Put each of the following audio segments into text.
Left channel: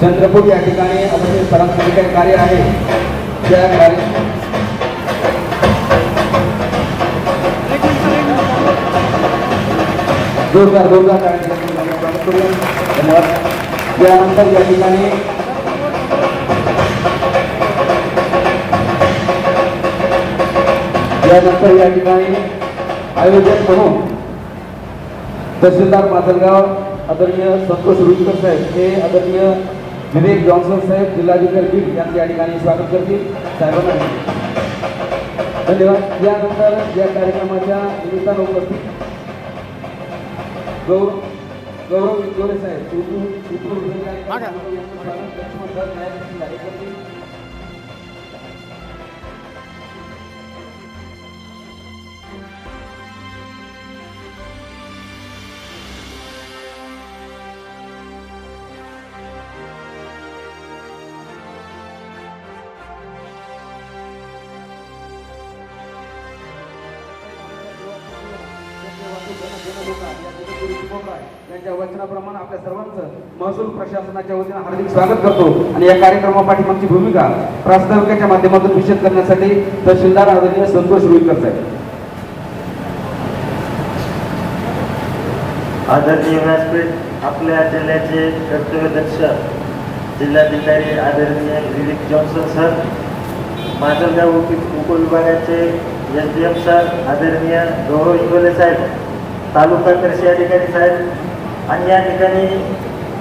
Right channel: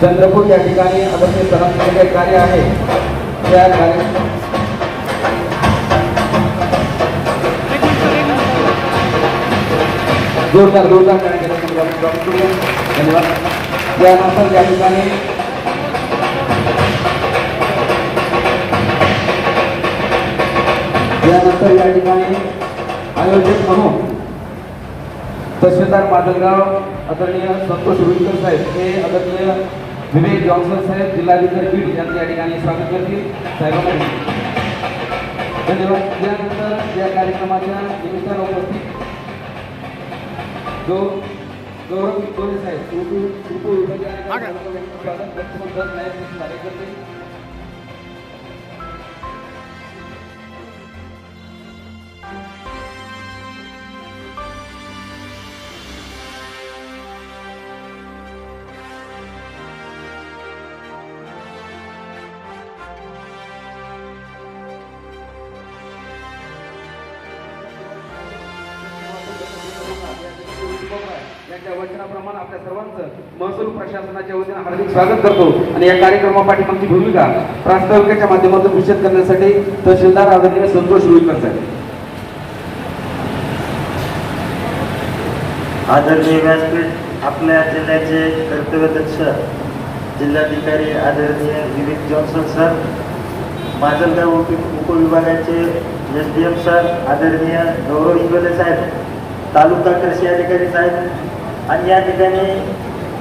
चंद्रपूर या ठिकाणी सरांचे काही कार्य आहे जोरदार जोरदार कार्याला यानंतर या ठिकाणी यानंतर आयोजक प्रमुख तहसीलदार माजलगाव आदरणीय संतोष रुईकर साहेब हे आदरणीय विवेक जॉन्सन साहेब जिल्हाधिकारी बीड यांचे या ठिकाणी स्वागत करतील साहेबांना धन्यवाद यानंतर या कार्यक्रमाच्या निमित्तानं उपस्थित गौ गौरव गोरे साहेब त्यांच्या वचनाप्रमाणे आपल्या सर्वांचं महसूल प्रशासनाच्या वतीनं हार्दिक स्वागत करतो. आणि या कार्यक्रमापाठी आमची भूमिका प्रास्ताविकाच्या माध्यमातून विषद करण्यासाठी तहसीलदार आदरणीय संतोष रुईकर साहेब. आदरणीय व्यासपीठ आपल्या जिल्ह्याचे कर्तव्यदक्ष जिल्हाधिकारी आदरणीय विवेक जॉन्सन सर माजलगाव उप उपविभागाचे एस डी एम सर आदरणीय गौरव इंगोले साहेब तालुका कृषी अधिकारी साहेब आणि या ठिकाणी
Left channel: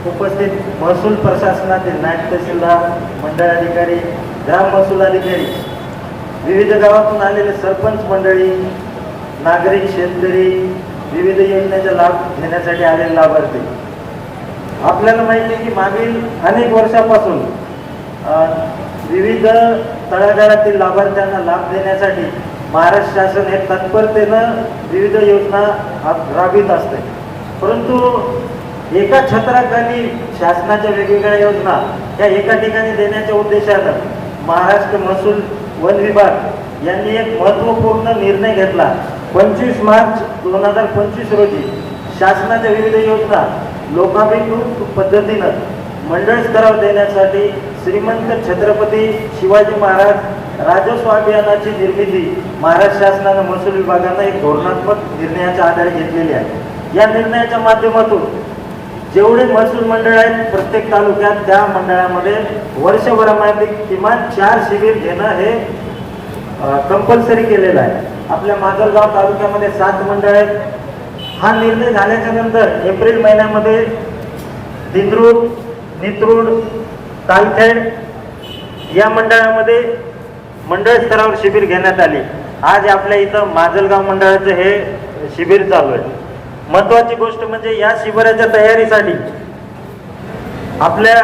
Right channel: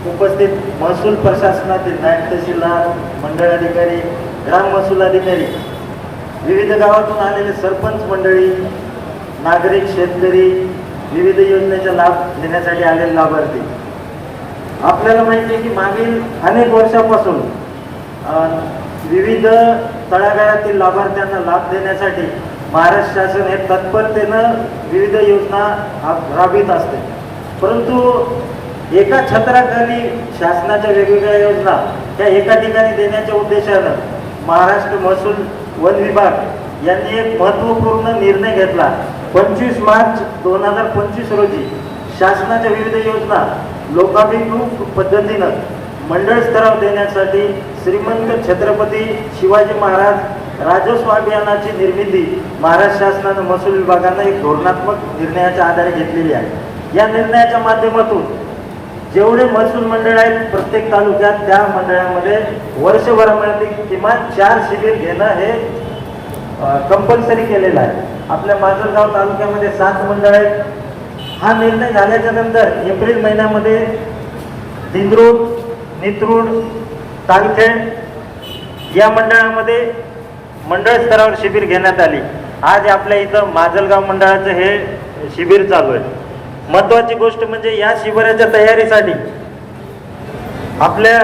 उपस्थित महसूल प्रशासनातील नायब तहसीलदार मंडळ अधिकारी ग्राम महसूल अधिकारी विविध गावातून आलेले सरपंच मंडळी नागरिक शेतकरी विविध योजनेचा लाभ घेण्यासाठी आलेले लाभार्थी. आपल्याला माहिती आहे की मागील अनेक वर्षापासून विविध तळागाळातील लाभार्थ्यांना लाभ देण्यासाठी महाराष्ट्र शासन हे तत्परतेनं विविध योजना राबवित असते. परंतु एका छत्राखाली शासनाच्या वेगवेगळ्या योजना त्या एका ठिकाणी देण्याच्या उद्देशानं महाराष्ट्र महसूल वन विभाग यांनी एक महत्त्वपूर्ण निर्णय घेतला. पंचवीस मार्च दोन हजार पंचवीस रोजी शासनाच्या विविध योजना लोकाभिमुख पद्धतीनं मंडळ स्तरावर देण्यासाठी श्रीमंत छत्रपती शिवाजी महाराज राजस्व अभियानाची निर्मिती महाराष्ट्र शासनानं महसूल विभागानं एक धोरणात्मक निर्णयाच्या आधारे घेतलेली आहे. या निर्णयाच्या माध्यमातून जेवढे महसूल मंडळ आहेत प्रत्येक तालुक्यात त्या मंडळामध्ये वर्षभरामध्ये किमान चार शिबिर घेणं हे कंपल्सरी केलेलं आहे. आपल्या माजलगाव तालुक्यामध्ये सात मंडळ आहेत. हा निर्णय झाल्याच्यानंतर एप्रिल महिन्यामध्ये दिंद्रूड नित्रूड तालखेड या मंडळामध्ये मंडळ स्तरावर शिबिर घेण्यात आली. आज आपल्या इथं माजलगाव मंडळाचं हे शिबिर चालू आहे. महत्वाची गोष्ट म्हणजे या शिबिराच्या तयारीसाठी आपल्या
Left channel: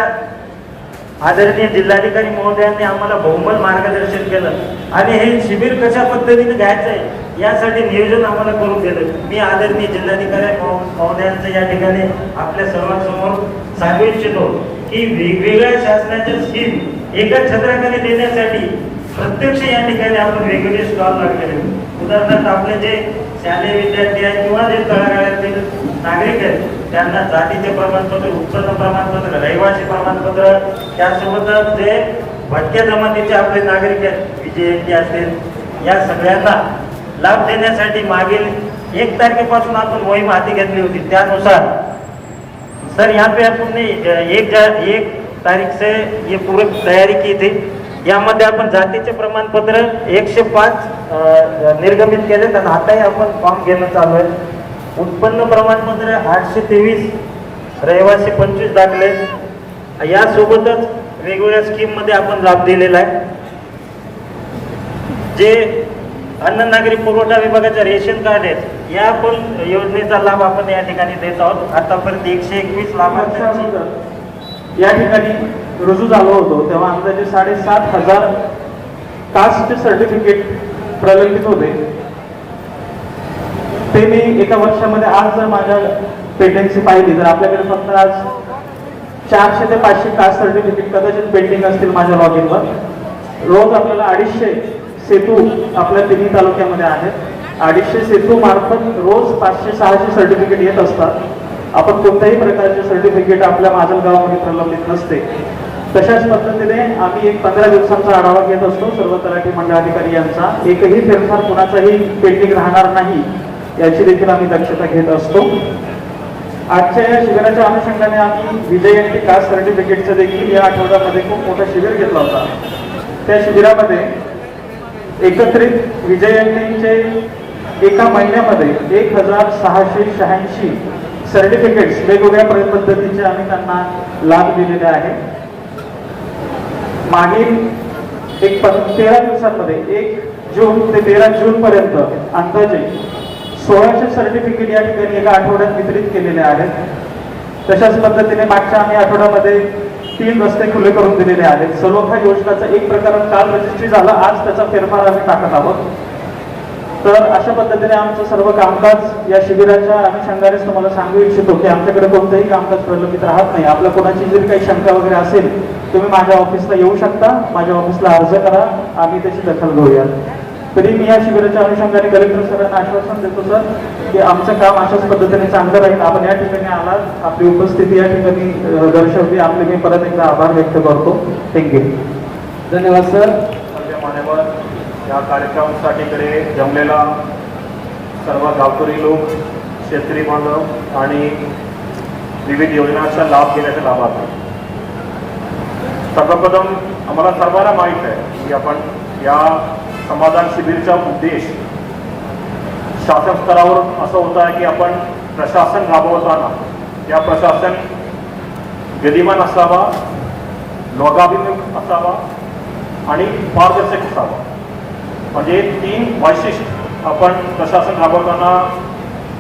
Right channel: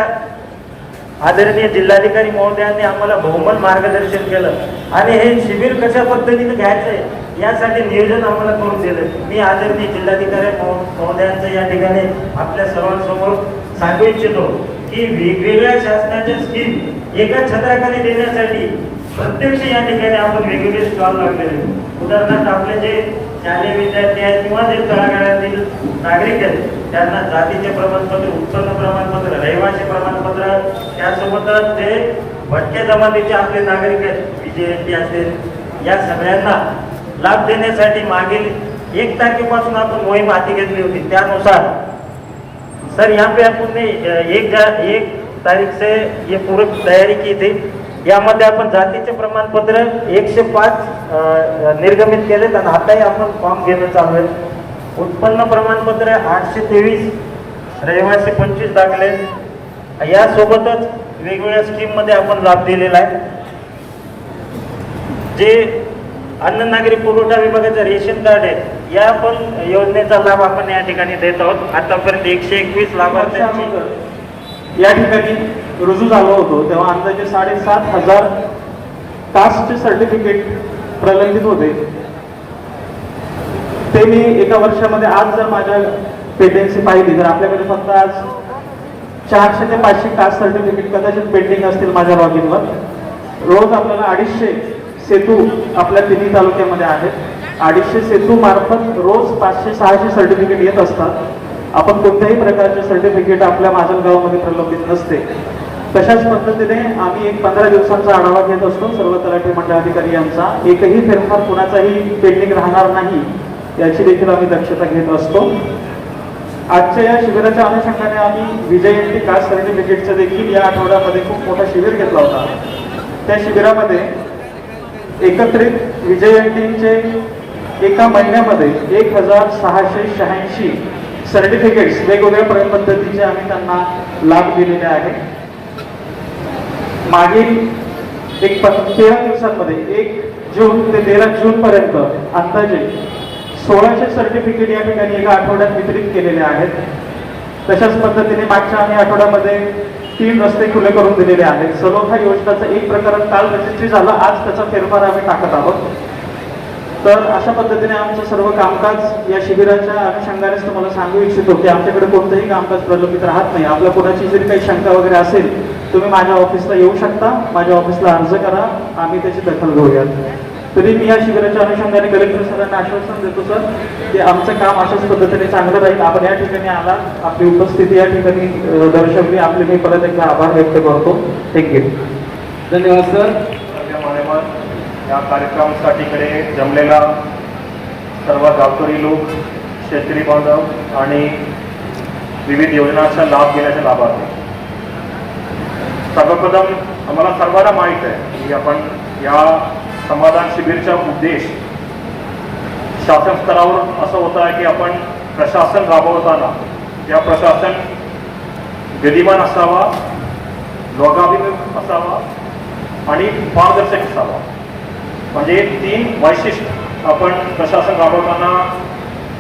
आदरणीय जिल्हाधिकारी महोदयांनी आम्हाला बहुमत मार्गदर्शन केलं. आणि हे शिबिर कशा पद्धतीने घ्यायचंय यासाठी नियोजन आम्हाला करून दिलं. मी आदरणीय जिल्हाधिकारी महोदयांचं या ठिकाणी आपल्या सर्वांसमोर सांगू इच्छितो की वेगवेगळ्या शासनाच्या स्कीम एका छत्राखाली देण्यासाठी प्रत्यक्ष या ठिकाणी आपण वेगवेगळे स्टॉल लागलेले उदाहरणार्थ आपले जे शालेय विद्यार्थी आहेत किंवा जे तळागाळातील नागरिक आहेत त्यांना जातीचे प्रमाणपत्र उत्पन्न प्रमाणपत्र रहिवासी प्रमाणपत्र त्यासोबतच जे भटक्या जमातीचे आपले नागरिक आहेत विजयंती असेल या सगळ्यांना लाभ देण्यासाठी मागील एक तारखेपासून आपण मोहीम हाती घेतली होती. त्यानुसार सर यहाँ पे आपने एक एक तारीख से ये पूरी तयारी की थी यामध्ये आपण जातीचे प्रमाणपत्र एकशे पाच निर्गमित केलेत आणि आताही आपण फॉर्म घेणं चालू आहे. उत्पन्न प्रमाणपत्र आठशे तेवीस रहिवासी पंचवीस दाखले. यासोबतच वेगवेगळ्या स्कीममध्ये आपण लाभ दिलेला आहे. जे अन्न नागरी पुरवठा विभागाचं रेशन कार्ड आहेत या पण योजनेचा लाभ आपण या ठिकाणी देत आहोत. आतापर्यंत एकशे एकवीस लाभार्थ्यांची या ठिकाणी रुजू झालो होतो तेव्हा अंदाजे साडेसात हजार कास्ट सर्टिफिकेट प्रलंबित होते ते मी एका वर्षामध्ये आज जर माझ्या पेटेंटची पाहिली तर आपल्याकडे फक्त आज चारशे ते पाचशे कास्ट सर्टिफिकेट कदाचित पेंडिंग असतील माझ्या लॉगिनवर रोज आपल्याला अडीचशे सेतू आपल्या तिन्ही तालुक्यामध्ये आहेत. अडीचशे सेतू मार्फत रोज पाचशे सहाशे सर्टिफिकेट येत असतात. आपण कोणत्याही प्रकारचे सर्टिफिकेट आपल्या माझ्या गावामध्ये प्रलंबित नसते. तशाच पद्धतीने आम्ही एक पंधरा दिवसांचा आढावा घेत असतो. सर्व तलाठी मंडळाधिकारी यांचा एकही फेरफार कुणाचाही पेंडिंग राहणार नाही याची देखील आम्ही दक्षता घेत असतो. आजच्या या शिबिराच्या अनुषंगाने आम्ही विजयंती कास्ट सर्टिफिकेटचं देखील या आठवड्यामध्ये खूप मोठं शिबिर घेतलं होतं. त्या शिबिरामध्ये एकत्रित विजयंतीचे एका महिन्यामध्ये एक हजार सहाशे शहाऐंशी सर्टिफिकेट्स वेगवेगळ्या पद्धतीचे आम्ही त्यांना लाभ दिलेले आहेत. मागील एक तेरा दिवसांमध्ये एक जून ते तेरा जून पर्यंत अंदाजे सोळाशे सर्टिफिकेट या ठिकाणी एका आठवड्यात वितरित केलेले आहेत. तशाच पद्धतीने मागच्या आम्ही आठवड्यामध्ये तीन रस्ते खुले करून दिलेले आहेत. सलोखा योजनाचा एक प्रकार काल रजिस्ट्री झालं. आज त्याचा फेरफार आम्ही टाकत आहोत. तर अशा पद्धतीने आमचं सर्व कामकाज या शिबिराच्या अनुषंगाने तुम्हाला सांगू इच्छितो की आमच्याकडे कोणतंही कामकाज प्रलंबित राहत नाही. आपल्या कोणाची जरी काही शंका वगैरे असेल तुम्ही माझ्या ऑफिसला येऊ शकता. माझ्या ऑफिसला अर्ज करा. आम्ही त्याची दखल घेऊया. तरी मी या शिबिराच्या अनुषंगाने कलेक्टर सरांना आश्वासन देतो सर की आमचं काम अशाच पद्धतीने चांगलं राहील. आपण या ठिकाणी आलात. आपली उपस्थिती या ठिकाणी दर्शवली. आपले मी परत एकदा आभार व्यक्त करतो. थँक्यू धन्यवाद सर. या कार्यक्रमासाठीकडे जमलेला सर्व गावकरी लोक शेतकरी बांधव आणि विविध योजनांचा लाभ घेण्याचे लाभार्थी. सर्वप्रथम आम्हाला सर्वांना माहीत आहे की आपण या समाधान शिबिरचा उद्देश शासन स्तरावर असं होत आहे की आपण प्रशासन राबवताना या प्रशासन गदिमान असावा लोकाभिमुख असावा आणि पारदर्शक असावा. म्हणजे तीन वैशिष्ट्य आपण प्रशासन राबवताना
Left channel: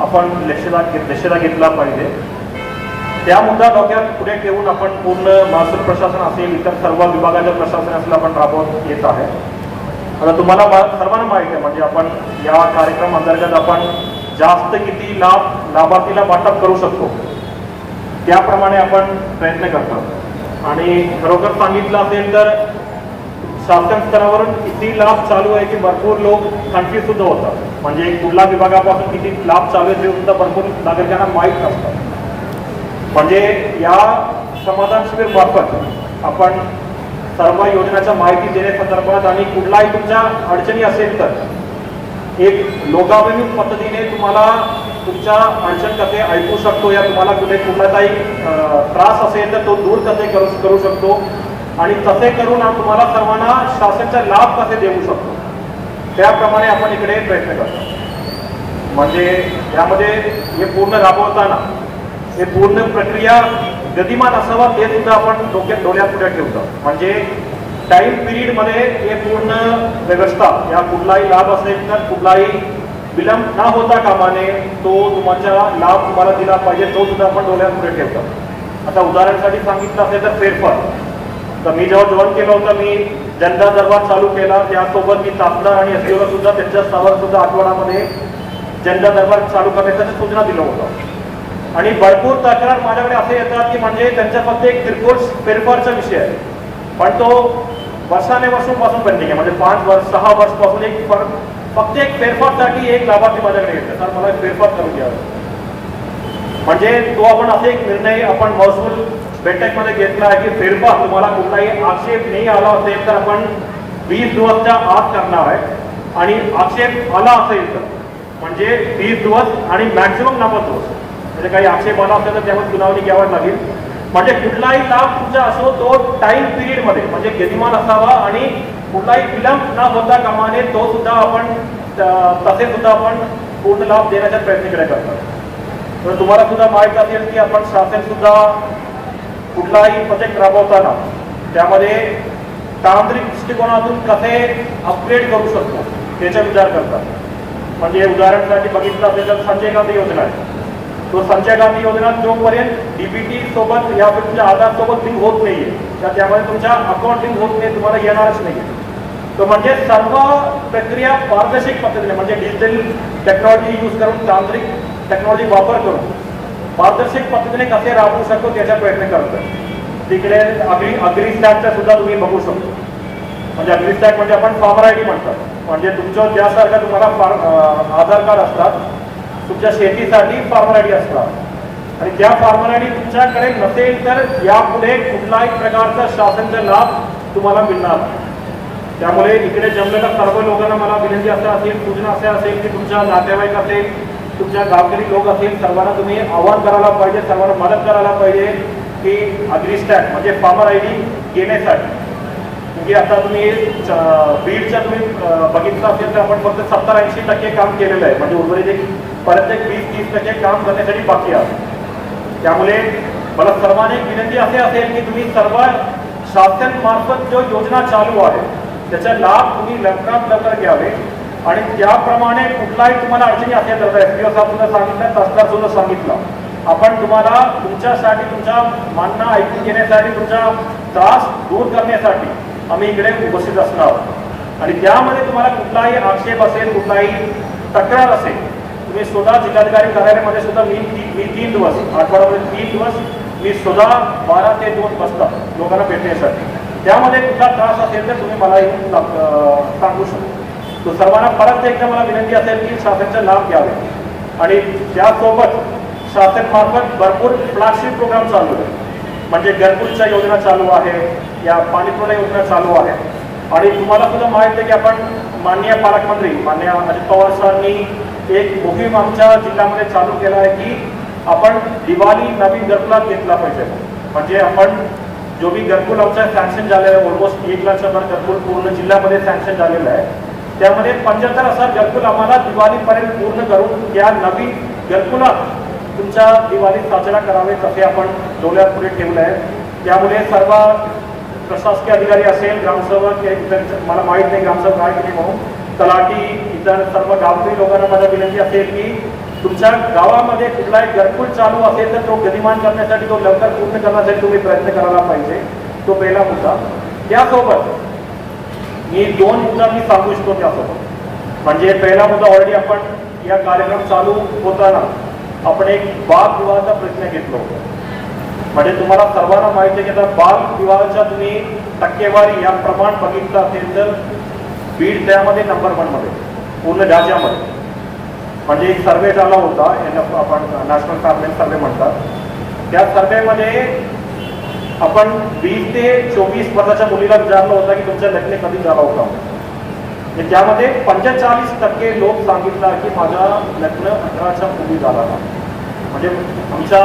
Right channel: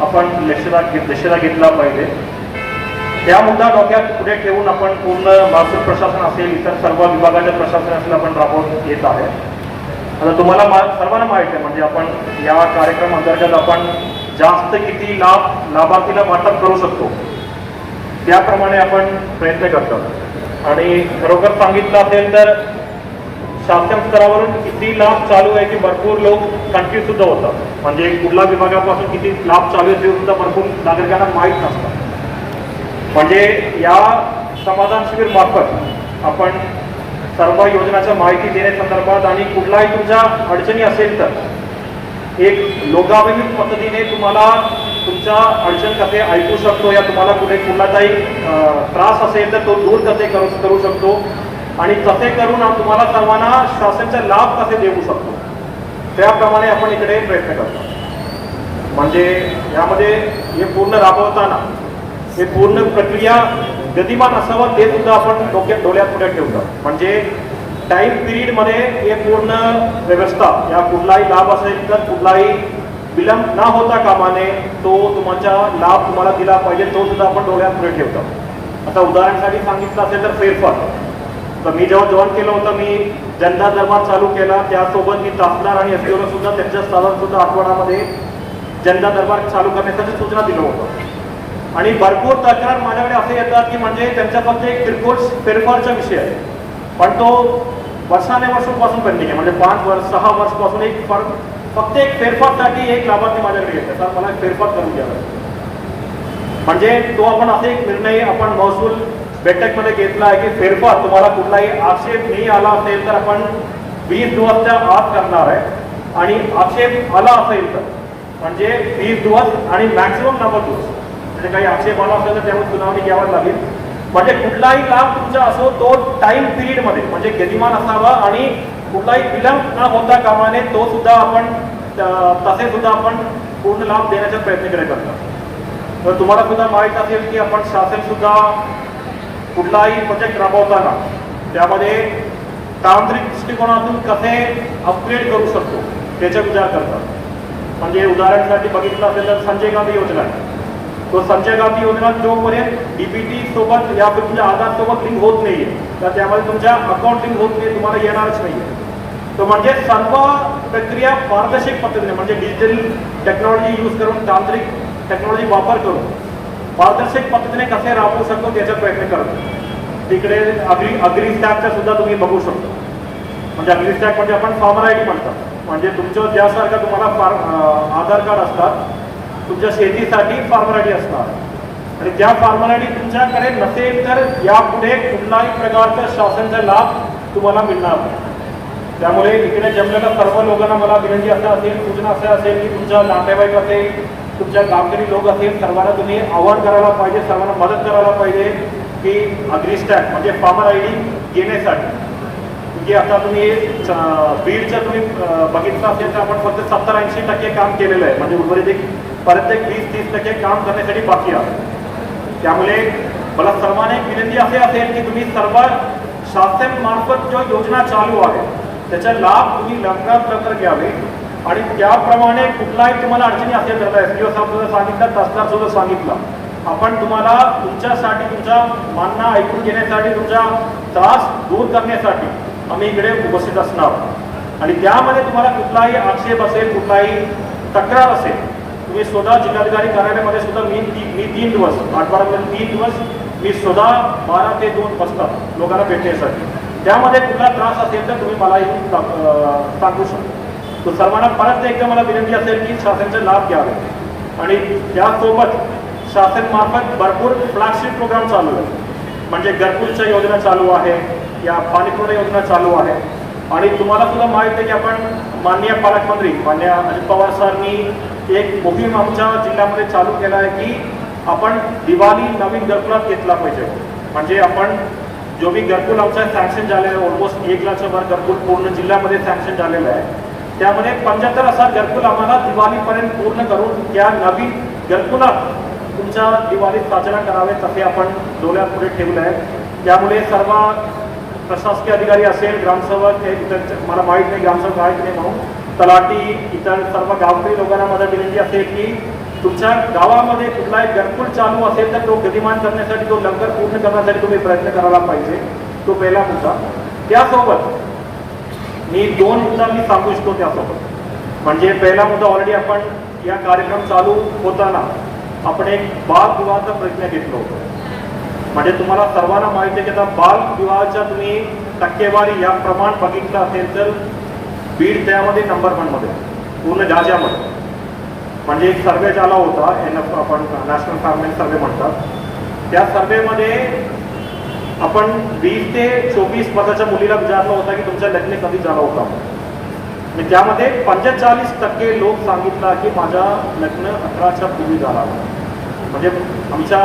आपण लक्षला घे- घेतला पाहिजे. त्या मुद्दा डोक्यात पुढे ठेवून आपण पूर्ण महसूल प्रशासन असेल इतर सर्व विभागाच्या प्रशासन आपण राबवून येत आहे. आता तुम्हाला सर्वांना माहिती आहे म्हणजे आपण या कार्यक्रम अंतर्गत आपण जास्त किती लाभ लाभार्थीला वाटप करू शकतो त्याप्रमाणे आपण प्रयत्न करतो. आणि खरोखर सांगितलं असेल तर शासन स्तरावरून किती लाभ चालू आहे की भरपूर लोक कन्फ्युज सुद्धा होतात. म्हणजे कुठल्या विभागापासून किती लाभ चालू आहे ते सुद्धा भरपूर नागरिकांना माहीत नसतं. म्हणजे या समाधान शिबिर मार्फत आपण सर्व योजनाच्या माहिती देण्यासंदर्भात आणि कुठलाही तुमच्या अडचणी असेल तर एक लोकाभिमुख पद्धतीने तुम्हाला तुमच्या अडचण कसे ऐकू शकतो या तुम्हाला कुठे कुठला काही त्रास असेल तर तो दूर कसे करू करू शकतो. आणि तसे करून तुम्हाला सर्वांना शासनाचा लाभ कसे देऊ शकतो? त्याप्रमाणे आपण इकडे प्रयत्न करतो. म्हणजे यामध्ये हे पूर्ण राबवताना हे पूर्ण प्रक्रिया गतिमान असावं ते सुद्धा आपण डोक्यात डोळ्यात पुढे ठेवतो? म्हणजे टाईम पिरियडमध्ये हे पूर्ण व्यवस्था या कुठलाही लाभ असेल तर कुठलाही विलंब न होता कामाने तो तुमचा लाभ तुम्हाला दिला पाहिजे तो सुद्धा आपण डोळ्यात पुढे ठेवतो? आता उदाहरणासाठी सांगितलं असेल तर फेरफार. तर मी जेव्हा जॉईन केलं होतं मी जनता दरबार चालू केला. त्यासोबत मी तासदार आणि एसडीओला सुद्धा त्यांच्या स्तरावर सुद्धा आठवड्यामध्ये जनता दरबार चालू करण्याच्या सूचना दिल्या होत्या आणि भरपूर तक्रार माझ्याकडे असे येतात की म्हणजे त्यांच्या फक्त एक किरकोळ फेरफारचा विषय आहे. पण तो वर्षाने वर्षांपासून पेंडिंग आहे. म्हणजे पाच वर्ष सहा वर्षपासून एक फक्त एक फेरफारसाठी एक लाभार्थी माझ्याकडे येतात. कारण मला एक फेरफार करून घ्यावा म्हणजे तो आपण असे एक निर्णय आपण महसूल बैठकमध्ये घेतला आहे की फेरफार तुम्हाला कुठलाही आक्षेप नाही आला असेल तर आपण वीस दिवसच्या आत करणार आहे. आणि आक्षेप आला असेल तर म्हणजे वीस दिवस आणि मॅक्सिमम नव्वद दिवस. म्हणजे काही आक्षेप आला असेल तर त्यावर सुनावणी घ्यावी लागेल. म्हणजे कुठलाही लाभ तुमचा असो तो टाइम पिरियडमध्ये म्हणजे गतिमान असावा आणि कुठलाही विलंब न होता कामाने तो सुद्धा आपण तसे सुद्धा आपण पूर्ण लाभ देण्याचा प्रयत्न केला करतो तर तुम्हाला सुद्धा माहीत असेल की आपण शासन सुद्धा कुठलाही प्रोजेक्ट राबवताना त्यामध्ये तांत्रिक दृष्टिकोनातून कसे अपग्रेड करू शकतो त्याचा विचार करतात म्हणजे उदाहरणासाठी बघितलं असेल तर संजय गांधी योजना आहे. तो संजय गांधी योजना जोपर्यंत डीबीटी सोबत या तुमच्या आधार सोबत लिंक होत नाहीये तर त्यामध्ये तुमच्या अकाउंट लिंक होत नाही तुम्हाला येणारच नाहीये. तर म्हणजे सर्व प्रक्रिया पारदर्शक पद्धतीने म्हणजे डिजिटल टेक्नॉलॉजी यूज करून तांत्रिक टेक्नॉलॉजी वापर करून पारदर्शक पद्धतीने कसे राबवू शकतो त्याचा प्रयत्न करतो तिकडे अग्री अग्री स्टॅकचा सुद्धा तुम्ही बघू शकतो. म्हणजे अग्री स्टॅक म्हणजे आपण फार्मर आय डी म्हणतो. म्हणजे तुमचं ज्यासारखं तुम्हाला फार्म आधार कार्ड असतात तुमच्या शेतीसाठी फॉर्मॅलिटी असतात. आणि त्या फॉर्मॅलिटी तुमच्याकडे नसेल तर यापुढे कुठलाही प्रकारचा शासनचा लाभ तुम्हाला मिळणार नाही. त्यामुळे इकडे जमलेल्या सर्व लोकांना मला विनंती असं असेल सूचना असे असेल की तुमच्या नातेवाईक असेल तुमच्या गावकरी लोक असेल सर्वांना तुम्ही आवाहन करायला पाहिजे सर्वांना मदत करायला पाहिजे की अग्रिस्टॅट म्हणजे फार्मर आय डी घेण्यासाठी. म्हणजे आता तुम्ही हे च- बीडचं तुम्ही अं, तर आपण फक्त सत्तर ऐंशी टक्के काम म्हणजे उर्वरित एक प्रत्येक वीस तीस टक्के काम करण्यासाठी बाकी आहे त्यामुळे मला सर्वांनी विनंती असे की तुम्ही सर्व शासन मार्फत जो योजना चालू आहे त्याचा लाभ तुम्ही लवकरात लवकर घ्यावे. आणि त्याप्रमाणे कुठलाही तुम्हाला अडचणी असेल तर एस पी ओ साहेब सुद्धा सांगितलं तसदार सुद्धा सांगितलं. आपण तुम्हाला तुमच्यासाठी तुमच्या मानणं ऐकून घेण्यासाठी तुमचा त्रास दूर करण्यासाठी आम्ही इकडे उपस्थित असणार आहोत. आणि त्यामध्ये तुम्हाला कुठलाही आक्षेप असेल कुठलाही तक्रार असेल तुम्ही स्वतः जिल्हाधिकारी कार्यालयामध्ये सुद्धा मी मी तीन दिवस आठवड्यामध्ये तीन दिवस मी स्वतः बारा ते दोन वाजता लोकांना भेटण्यासाठी. त्यामध्ये कुठला त्रास असेल तर तुम्ही मला सांगू शकता. तो सर्वांना परत एकदा मला विनंती असेल की शासनाचा लाभ घ्यावा. आणि त्यासोबत शासन मार्फत भरपूर फ्लॅगशिप प्रोग्राम चालू आहे. म्हणजे घरकुलच्या योजना चालू आहे या पाणीपुरवठा योजना चालू आहे आणि तुम्हाला सुद्धा माहिती आहे की आपण माननीय पालकमंत्री माननीय अजित पवार सरांनी एक मोहीम आमच्या जिल्ह्यामध्ये चालू केला आहे की आपण दिवाळी नवीन घरकुलात घेतला पाहिजे. म्हणजे आपण जो भी घरकुल आमचा सँक्शन झालेला आहे ऑलमोस्ट एक लाखच्या वर घरकुल पूर्ण जिल्ह्यामध्ये सँक्शन झालेलं आहे. त्यामध्ये पंच्याहत्तर असा घरकुल आम्हाला दिवाळीपर्यंत पूर्ण करून या नवीन घरकुलात तुमच्या दिवाळीत साजरा करावे तसे आपण डोळ्यापुढे ठेवलं आहे. त्यामुळे सर्व प्रशासकीय अधिकारी असेल ग्रामसेवक इतर मला माहीत नाही ग्रामसेवक आहे की नाही म्हणून तलाठी इतर सर्व गावकरी लोकांना माझा विनंती असेल की तुमच्या गावामध्ये कुठलाही घरकुल चालू असेल तर तो गतिमान करण्यासाठी तो लवकर पूर्ण करण्यासाठी तुम्ही प्रयत्न करायला पाहिजे. तो पहिला मुद्दा. त्यासोबत मी दोन मुद्दा मी सांगू इच्छितो त्यासोबत म्हणजे पहिला मुद्दा ऑलरेडी आपण या कार्यक्रम चालू होताना आपण एक बाल विवाहाचा प्रयत्न घेतलो म्हणजे तुम्हाला सर्वांना माहिती आहे की आता बाल विवाहाच्या तुम्ही टक्केवारी या प्रमाण बघितलं असेल तर बीड त्यामध्ये नंबरमध्ये पूर्ण राज्यामध्ये. म्हणजे एक सर्वे झाला होता याला आपण नॅशनल फार्मेंट सर्वे म्हणतात. त्या सर्वेमध्ये आपण वीस ते चोवीस मताच्या मुलीला विचारलं होतं की तुमचं लग्न कधी झाला होता? त्यामध्ये पंचेचाळीस टक्के लोक सांगितलं की माझा लग्न अठराच्या पूर्वी झाला म्हणजे आमच्या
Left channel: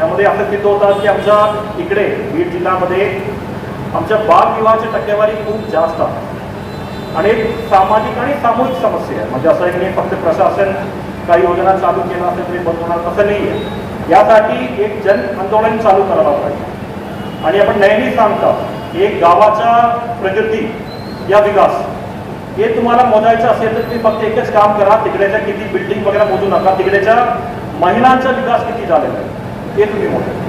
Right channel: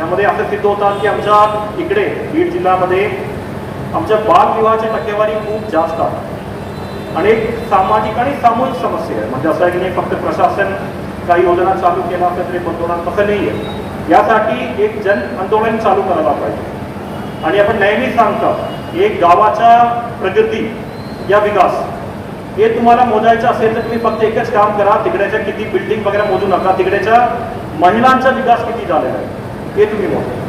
यामध्ये असं सिद्ध होता की आमच्या इकडे बीड जिल्ह्यामध्ये आमच्या बालविवाहाची टक्केवारी खूप जास्त आहे. आणि एक सामाजिक आणि सामूहिक समस्या आहे. म्हणजे असं आहे की फक्त प्रशासन काही योजना चालू केला असेल तरी बंद असं नाही आहे यासाठी एक जन आंदोलन चालू करायला पाहिजे. आणि आपण नेहमी सांगतो एक गावाच्या प्रगती या विकास. हे तुम्हाला मोजायचं असेल तर तुम्ही फक्त एकच काम करा तिकडेच्या किती बिल्डिंग वगैरे मोजू नका तिकडेच्या महिलांचा विकास किती झालेला आहे हे तुम्ही मोजा.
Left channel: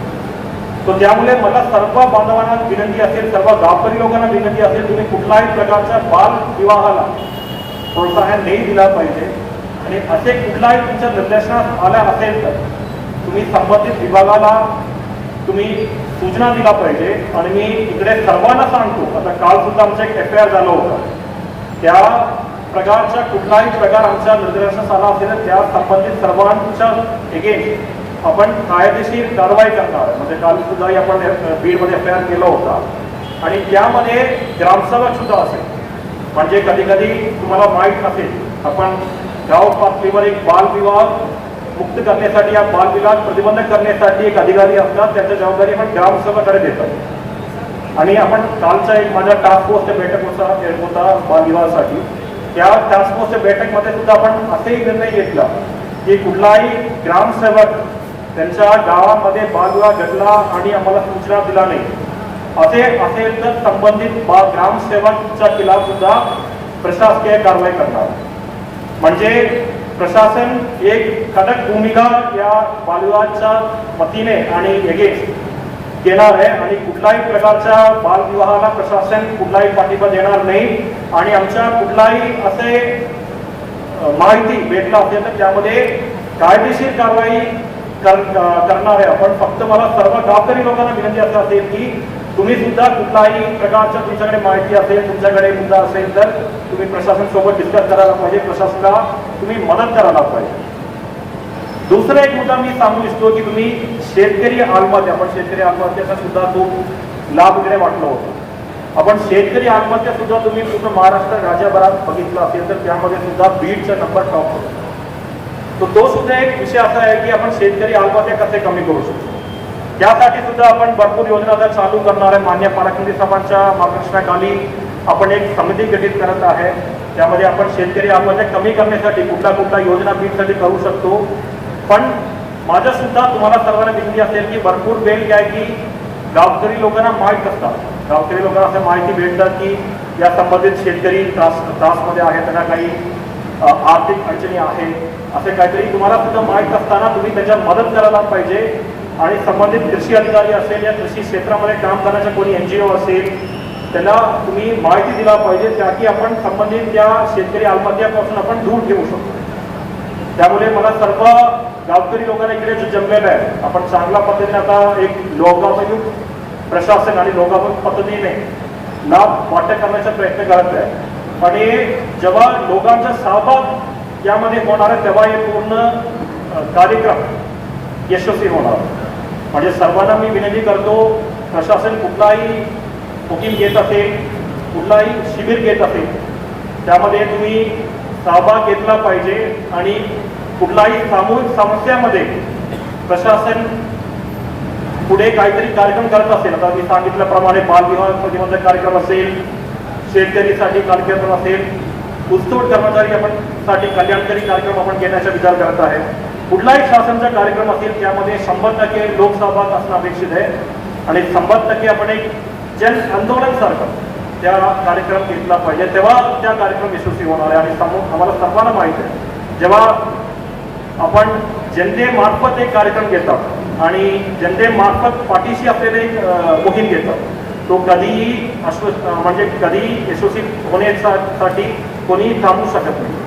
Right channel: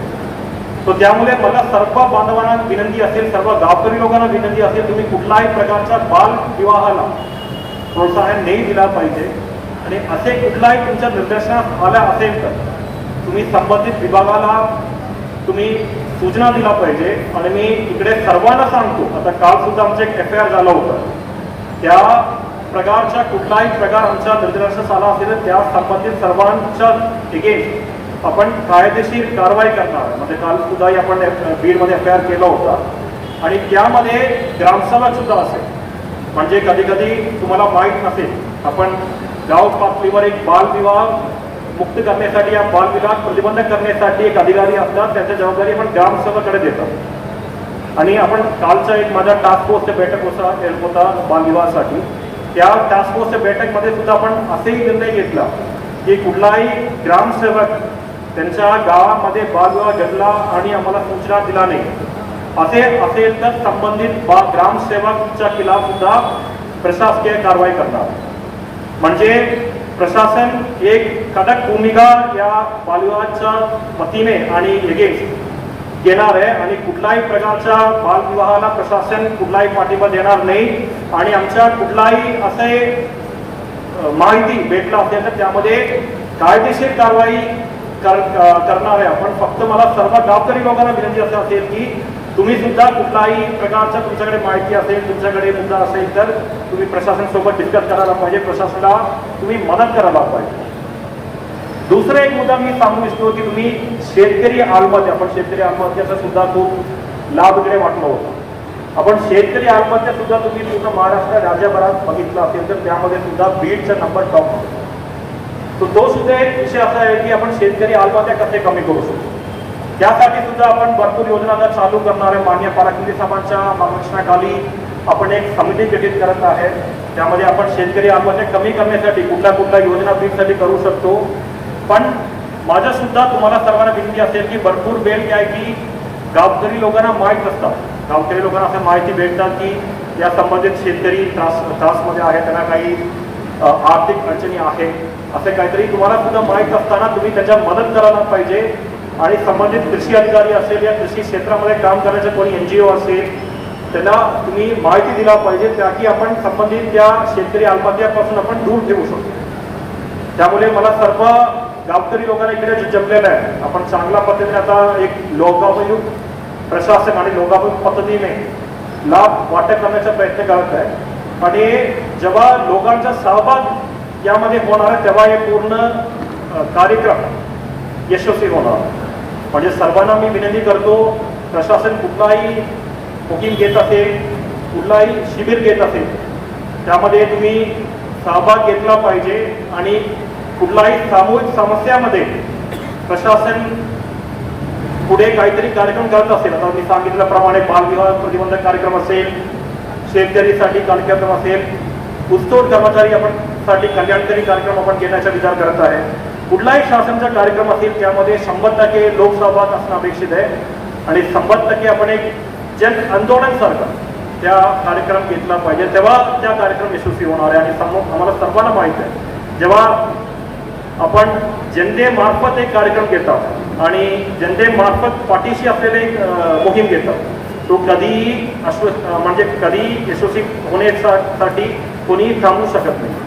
तर त्यामुळे मला सर्व बांधवांना विनंती असेल सर्व गावकरी लोकांना विनंती असेल तुम्ही कुठल्याही प्रकारच्या बाल विवाहाला प्रोत्साहन नाही दिलं पाहिजे. आणि असे कुठलाही तुमच्या निर्देशनात आल्या असेल तर तुम्ही संबंधित विभागाला तुम्ही सूचना दिला पाहिजे. आणि मी इकडे सर्वांना सांगतो आता काल सुद्धा आमचं एक एफ आय आर झालं होतं. त्या प्रकारचा कुठलाही प्रकार आमच्या निर्देशास आला असेल त्या संबंधित सर्वांच्या अगेन्स्ट आपण कायदेशीर कारवाई करणार. म्हणजे काल सुद्धाही आपण बीडमध्ये एफ आय आर केला होता. आणि त्यामध्ये ग्रामसेवक सुद्धा असेल. म्हणजे कधी कधी तुम्हाला माहीत नसेल आपण गाव पातळीवर एक बालविवाह मुक्त करण्यासाठी या बालविवाह प्रतिबंध करण्यासाठी एक अधिकारी असतात त्याची जबाबदारी आपण ग्रामसेवकाकडे देतो. आणि आपण कालचा एक माझ्या टास्क फोर्सच्या बैठक होता होता बालविवाहासाठी त्या टास्क फोर्सच्या बैठकमध्ये सुद्धा आपण असेही निर्णय घेतला की कुठलाही ग्रामसेवक त्यांच्या गावामध्ये बालविवाह घडला आणि आम्हाला सूचना दिला नाही. असे असेल तर संबंधित बा ग्रामसेवकच्या खिलाफ सुद्धा प्रशासकीय कारवाई करणार. म्हणजे प्रशासन एक कडक भूमिका या बालविवाहाच्या वतीने आणि एगेन्स्ट घेणार आहे आणि कुठलाही प्रकारच्या बालविवाहाला प्रशासन कुठलाही पाठिंबा देणार नाही. आणि आमच्या कुठलाही असे माहिती भेटला असेल तर त्यामध्ये कायदेशीर कारवाई कर करणार आहे. आपण फक्त मला सर्व गावकरी लोकांना विनंती असं असेल की तुम्ही सुद्धा कुठलाही प्रकारचं तुमच्याकडे माहिती असेल तुमच्याकडे मुद्दा असेल तर तुम्ही प्रशासन सोबत डिस्कस करायला पाहिजे. प्रशासनाला तुम्ही मदत करायला पाहिजे. दुसरा एक मुद्दा मी सांगू इच्छितो की तुम्ही शेतकरी आत्महत्या आपण शेतकरी आत्महत्याचा सुद्धा तो लाभ वगैरे वाटला होता. आपण शेतकरी आत्महत्या सुद्धा तुम्ही तुमचं महाराष्ट्र राज्यभरात बघितलं असेल तर त्यामध्ये सुद्धा बीडचा नंबर टॉप होतो. तो तो सुद्धा एक विषय असा आहे की आपण शेतकरी आत्महत्या कसे कमी करू शकतो? त्यासाठी सुद्धा आपण भरपूर योजना आता चालू करणार आहे. मान्य पालकमंत्री साहेबांच्या मार्गदर्शनाखाली आपण एक समिती गठीत करत आहे. त्यामध्ये आपण शेतकरी आत्महत्या कमी करण्यासाठी कुठल्या कुठल्या योजना बीडसाठी करू शकतो. पण माझ्या सुद्धा तुम्हाला सर्वांना विनंती असेल की भरपूर वेळ काय की गावकरी लोकांना माहीत असतात गावकरी लोकांना असं माहिती भेटतात की या संबंधित शेतकरी त्रास त्रासमध्ये आहे त्यांना काही आर्थिक अडचणी आहेत. असं काहीतरी तुम्हाला सुद्धा माहीत असताना तुम्ही त्याच्या मदत करायला पाहिजे. आणि संबंधित कृषी अधिकारी असेल या कृषी क्षेत्रामध्ये काम करण्याचे कोणी एन जी ओ असेल त्याला तुम्ही माहिती दिला पाहिजे त्या की आपण संबंधित त्या शेतकरी आत्महत्यापासून आपण दूर ठेवू शकतो. त्यामुळे मला सर्व गावकरी लोकांना इकडे जमलेलं आहे आपण चांगल्या पद्धतीने आता एक लोकाभिमुख प्रशासन आणि लोकाभिमुख पद्धतीने लाभ वाटप करण्याचा प्रयत्न करत आहे. आणि जेव्हा लोकांचा सहभाग यामध्ये होणार आहे तेव्हा हे पूर्ण कार्यक्रम यशस्वी होणार. म्हणजे सर्वांना मी विनंती करतो प्रशासन कुठलाही बुकिंग घेत असेल कुठलाही शिबिर घेत असेल त्यामध्ये तुम्ही सहभाग घेतला पाहिजे आणि कुठलाही सामूहिक समस्यामध्ये प्रशासन पुढे काहीतरी कार्यक्रम करत असेल. आता मी सांगितल्याप्रमाणे बालविवाह प्रतिबंधक कार्यक्रम असेल शेतकरीसाठी कार्यक्रम असेल उत्सव कर्मचारी आपण साठी कल्याणकारी कार्यक्रम आपण घेण्याचा विचार करत आहे. कुठलाही शासनाचा कार्यक्रम असेल त्यामध्ये शंभर टक्के लोकसहभाग असणं अपेक्षित आहे. आणि शंभर टक्के आपण एक जन आंदोलन सारखं त्या कार्यक्रम घेतला पाहिजे. तेव्हा त्या कार्यक्रम यशस्वी होणार आहे. आणि समोर आम्हाला सर्वांना माहीत आहे. जेव्हा आपण जनतेमार्फत एक कार्यक्रम घेतात आणि जनतेमार्फत पाठीशी आपल्याला एक मोहीम घेतात तो कधीही अश्व म्हणजे कधीही यशस्वी होण्यासाठी कोणीही थांबू शकत नाही.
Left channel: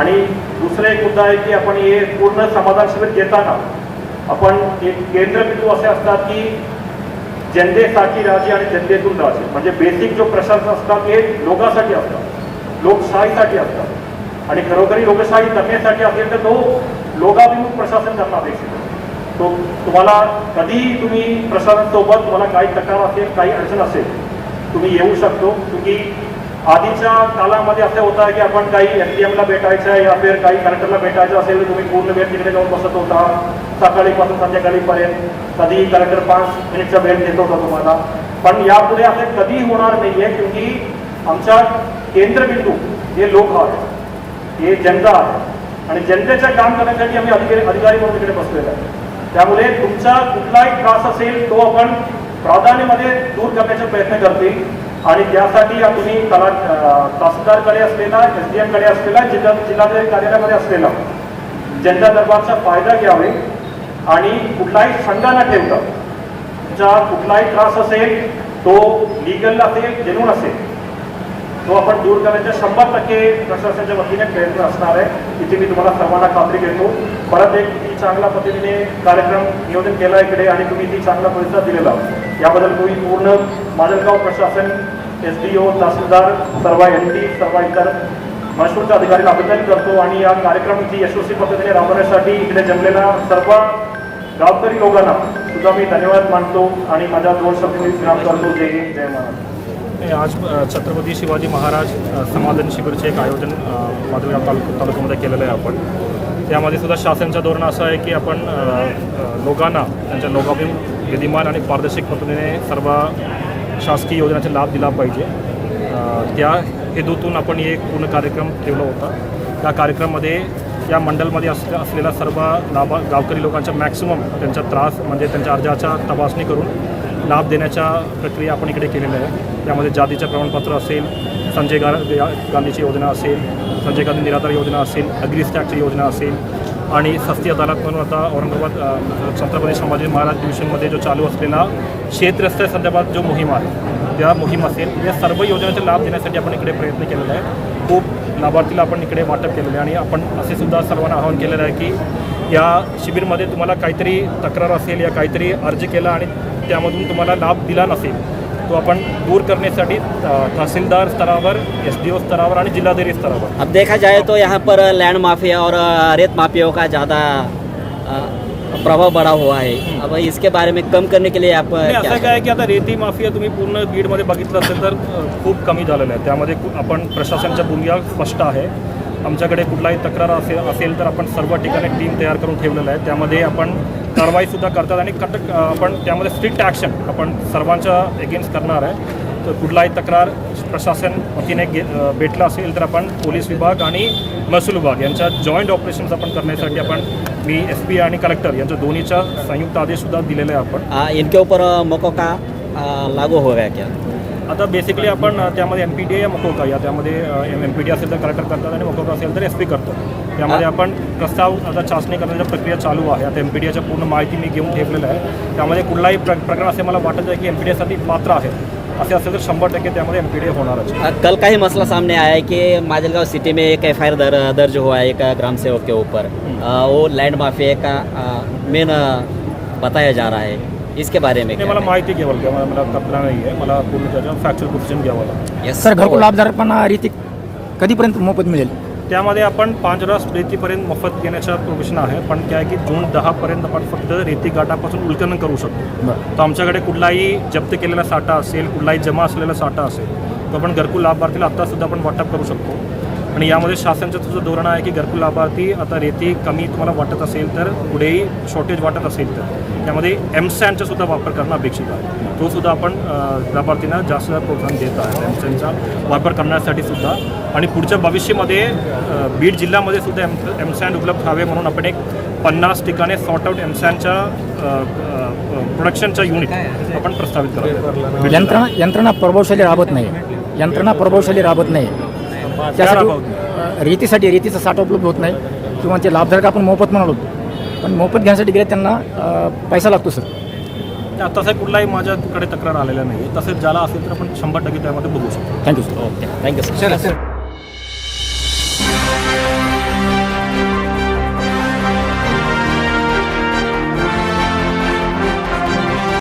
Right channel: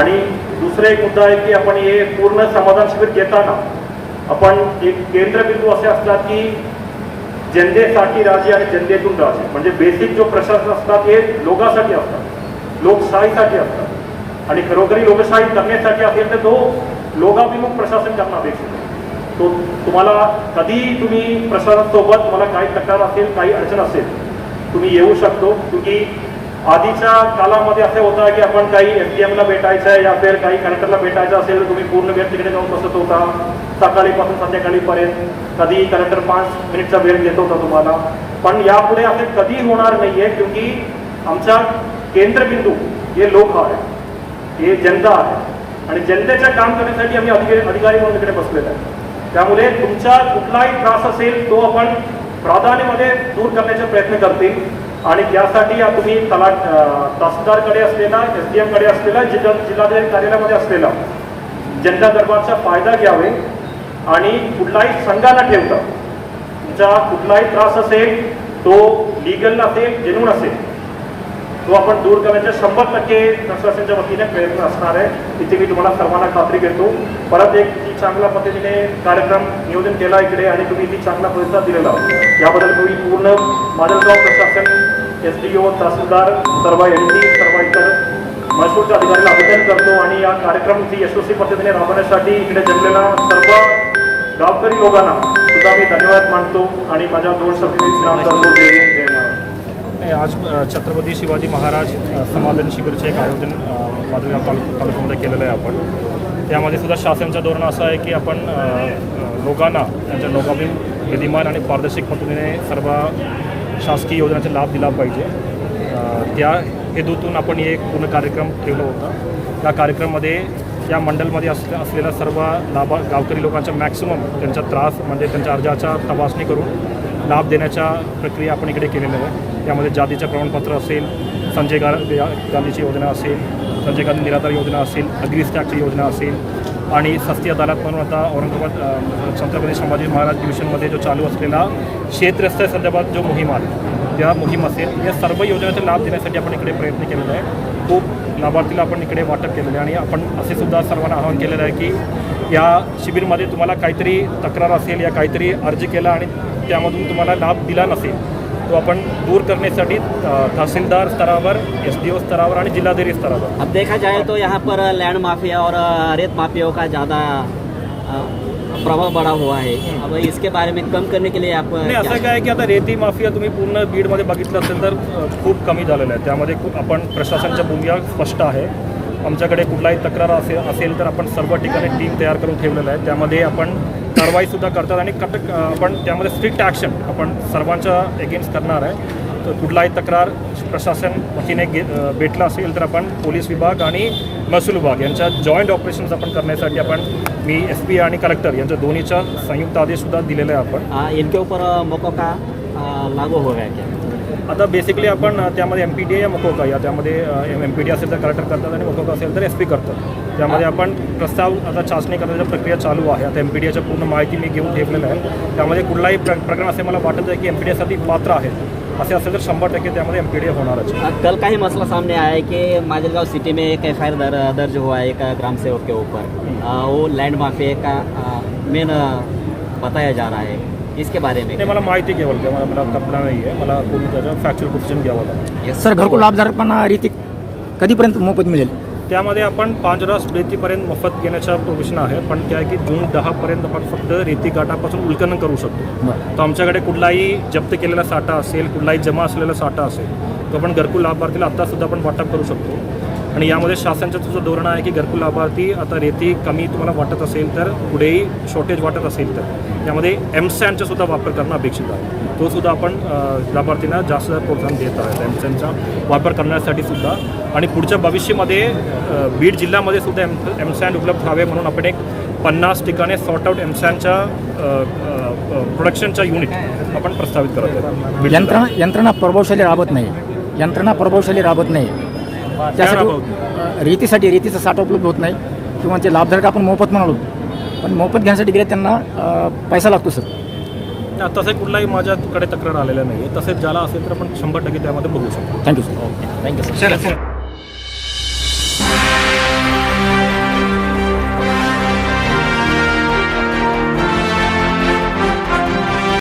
आणि दुसरा एक मुद्दा आहे की आपण हे पूर्ण समाधान शिबिर घेताना आपण एक केंद्रबिंदू असे असतात की जनतेसाठी राजे आणि जनतेतून राजे. म्हणजे बेसिक जो प्रशासन असतात हे लोकांसाठी असतात. लोकशाहीसाठी असतात. आणि खरोखरी लोकशाही करण्यासाठी असेल तर तो लोकाभिमुख प्रशासन करणं अपेक्षित तो तुम्हाला कधीही तुम्ही प्रशासनासोबत तुम्हाला काही तक्रार असेल काही अडचण असेल तुम्ही येऊ शकतो. तुम्ही आधीच्या कालामध्ये असं होतं की आपण काही एस डी एमला भेटायचं आहे या फिर काही कलेक्टरला भेटायचं असेल तर तुम्ही पूर्ण वेळ तिकडे जाऊन बसत होता. सकाळीपासून संध्याकाळीपर्यंत कधीही कलेक्टर पाच मिनिटचा वेळ देत होता तुम्हाला? पण यापुढे असं कधी होणार नाही आहे क्योंकि आमचा केंद्रबिंदू हे लोक आहे हे जनता आहे. आणि जनतेचं काम करण्यासाठी आम्ही अधिकारी अधिकारी म्हणून तिकडे बसलेलो आहे त्यामुळे तुमचा कुठलाही त्रास असेल तो आपण प्राधान्यामध्ये दूर करण्याचा प्रयत्न करतील. आणि त्यासाठी या तुम्ही तला तहसीलदारकडे असलेला एस डी एमकडे असलेला जिल्हा जिल्हाधिकारी कार्यालयामध्ये असलेला जनता दरबारचा फायदा घ्यावे आणि कुठलाही संघाला न ठेवता तुमचा कुठलाही त्रास असेल तो लिगल असेल जेन्युन असेल तो आपण दूर करण्याच्या शंभर टक्के प्रशासनाच्या वतीने प्रयत्न असणार आहे. इथे मी तुम्हाला सर्वांना खात्री देतो. परत एक ती चांगल्या पद्धतीने कार्यक्रम नियोजन केला इकडे आणि तुम्ही ती चांगला प्रतिसाद दिलेला. याबद्दल मी पूर्ण माजलगाव प्रशासन एस डी ओ तहसीलदार सर्व एम डी सर्व इतर महसूलच्या अधिकाऱ्याला अभिनंदन करतो आणि या कार्यक्रमाची यशस्वी पद्धतीने राबवण्यासाठी इकडे जमलेल्या सर्व गावकरी लोकांना सुद्धा मी धन्यवाद मानतो आणि माझ्या दोन शब्द मी करतो जय आज छत्रपती शिवाजी महाराज समाधान शिबिरचे एक आयोजन अ, तालुक तालुक्यामध्ये केलेलं आहे आपण. त्यामध्ये सुद्धा शासनाच्या धोरण असं आहे की आपण लोकांना त्यांच्या लोकाभिम विधिमान आणि पारदर्शक पद्धतीने सर्व शासकीय योजनांचा लाभ दिला पाहिजे. त्या हेतूतून आपण एक पूर्ण कार्यक्रम ठेवला होता. त्या कार्यक्रमामध्ये या मंडलमध्ये असल्या असलेल्या सर्व लाभा गावकरी लोकांचा मॅक्सिमम त्यांचा त्रास म्हणजे त्यांच्या अर्जाचा तपासणी करून लाभ देण्याच्या प्रक्रिया आपण इकडे केलेल्या आहे त्यामध्ये जातीचं प्रमाणपत्र असेल संजय गा गांधीची योजना असेल संजय गांधी निराधार योजना असेल अग्रिस्टॅकची योजना असेल आणि सस्ती अदालत म्हणून आता औरंगाबाद छत्रपती संभाजी महाराज डिव्हिजनमध्ये जो चालू असलेला शेतरस्त्या संदर्भात जो मोहीम आहे त्या मोहीम असेल या सर्व योजनेचा लाभ देण्यासाठी आपण इकडे प्रयत्न केलेला आहे. खूप लाभार्थीला आपण इकडे वाटप केलेलं आहे आणि आपण असे सुद्धा सर्वांना आवाहन केलेलं आहे की या शिबिरमध्ये तुम्हाला काहीतरी तक्रार असेल या काहीतरी अर्ज केला आणि त्यामधून तुम्हाला लाभ दिला नसेल तो आपण दूर करण्यासाठी तहसीलदार स्तरावर एस डी ओ स्तरावर आणि जिल्हाधिकारी स्तरावर. अब देखा जाए तो यहाँ पर लैंड माफिया और रेत माफियाओं का ज़्यादा प्रभाव बढ़ा हुआ है। अब इसके बारे में कम करने के लिए आप असं क्या- आहे की आता रेती माफिया तुम्ही पूर्ण बीडमध्ये बघितलं असेल तर खूप कमी झालेलं आहे. त्यामध्ये आपण प्रशासनाच्या भूमिका स्पष्ट आहे. आमच्याकडे कुठलाही तक्रार असेल असेल तर आपण सर्व ठिकाणी टीम तयार करून ठेवलेलं आहे. त्यामध्ये आपण कारवाईसुद्धा करतात आणि कटक आपण त्यामध्ये स्ट्रिक्ट ॲक्शन आपण सर्वांच्या एगेन्स्ट करणार आहे. तर कुठलाही तक्रार प्रशासन वतीने गे भेटला असेल तर आपण पोलीस विभाग आणि महसूल विभाग यांच्या जॉईंट ऑपरेशन्स आपण करण्यासाठी आपण मी एस पी आणि कलेक्टर यांच्या दोन्हीचा संयुक्त आदेशसुद्धा दिलेला आहे आपण. अ, इनके ऊपर अ, का अ, लागू होगा क्या आता बेसिकली आपण त्यामध्ये एम पी डी या मकोका या त्यामध्ये एम पी डी असेल तर कलेक्टर करतात आणि मकोका असेल तर एस पी करतात. त्यामध्ये आपण प्रस्ताव आता चाचणी करण्याची प्रक्रिया चालू आहे. आता एम पी डी याच्या पूर्ण माहिती मी घेऊन ठेवलेलं आहे. त्यामध्ये कुठलाही प्र प्रकरण असे मला वाटत आहे की एम पी डी यासाठी पात्र आहे असे असेल तर शंभर टक्के त्यामध्ये एम पी डी होणारच. कल का ही मसला सामने आया है कि माजलगांव सिटी में एक एफ दर, दर्ज हुआ है एक ग्राम सेवक के ऊपर. वो लैंड माफिया का मेन बताया जा रहा है. इसके बारे में नाही मला माहिती घ्यावं लागते. मला मला कल्पना नाही आहे मला पूर्ण त्याच्या फॅक्च्युअल पोझिशन घ्यावं लागतं. Yes. सर घरकुल लाभधारकांना रीती कधीपर्यंत मोफत मिळेल? त्यामध्ये आपण पाच रास रेतीपर्यंत मोफत घेण्याचा प्रोविशन आहे. पण काय आहे की जून दहापर्यंत आपण फक्त रेती गाठापासून उल्कलन करू शकतो. बरं. तर आमच्याकडे कुठलाही जप्त केलेला साठा असेल कुठलाही जमा असलेला साठा असेल तो आपण घरकुल लाभार्थीला आत्तासुद्धा आपण वाटप करू शकतो. आणि यामध्ये शासनाचं तुझं धोरण आहे की घरकुल लाभार्थी आता रेती कमी तुम्हाला वाटत असेल तर पुढेही शॉर्टेज वाटत असेल तर. त्यामध्ये एमसॅनचा सुद्धा वापर करणं अपेक्षित आहे. तो सुद्धा आपण लाभार्थींना जास्त प्रोत्साहन देत आहेत एमसॅनचा वापर करण्यासाठी सुद्धा. आणि पुढच्या भविष्यामध्ये बीड जिल्ह्यामध्ये सुद्धा एम एमसॅन उपलब्ध व्हावे म्हणून आपण एक पन्नास ठिकाणी सॉर्ट आउट एमसॅनच्या प्रोडक्शनच्या युनिट आपण प्रस्तावित करत यंत्रणा. यंत्रणा प्रभावशाली राबत नाही. यंत्रणा प्रभावशाली राबत नाही. त्यासाठी रेतीसाठी रेतीचा साठा उपलब्ध होत नाही. किंवा ते लाभधारक आपण मोफत म्हणालो. पण मोफत घेण्यासाठी गेले त्यांना पैसा लागतो सर. तसं कुठलाही माझ्याकडे तक्रार आलेला नाही तसेच ज्याला असेल तर आपण शंभर टक्के त्यामध्ये बघू शकतो. Thank you sir thank you sir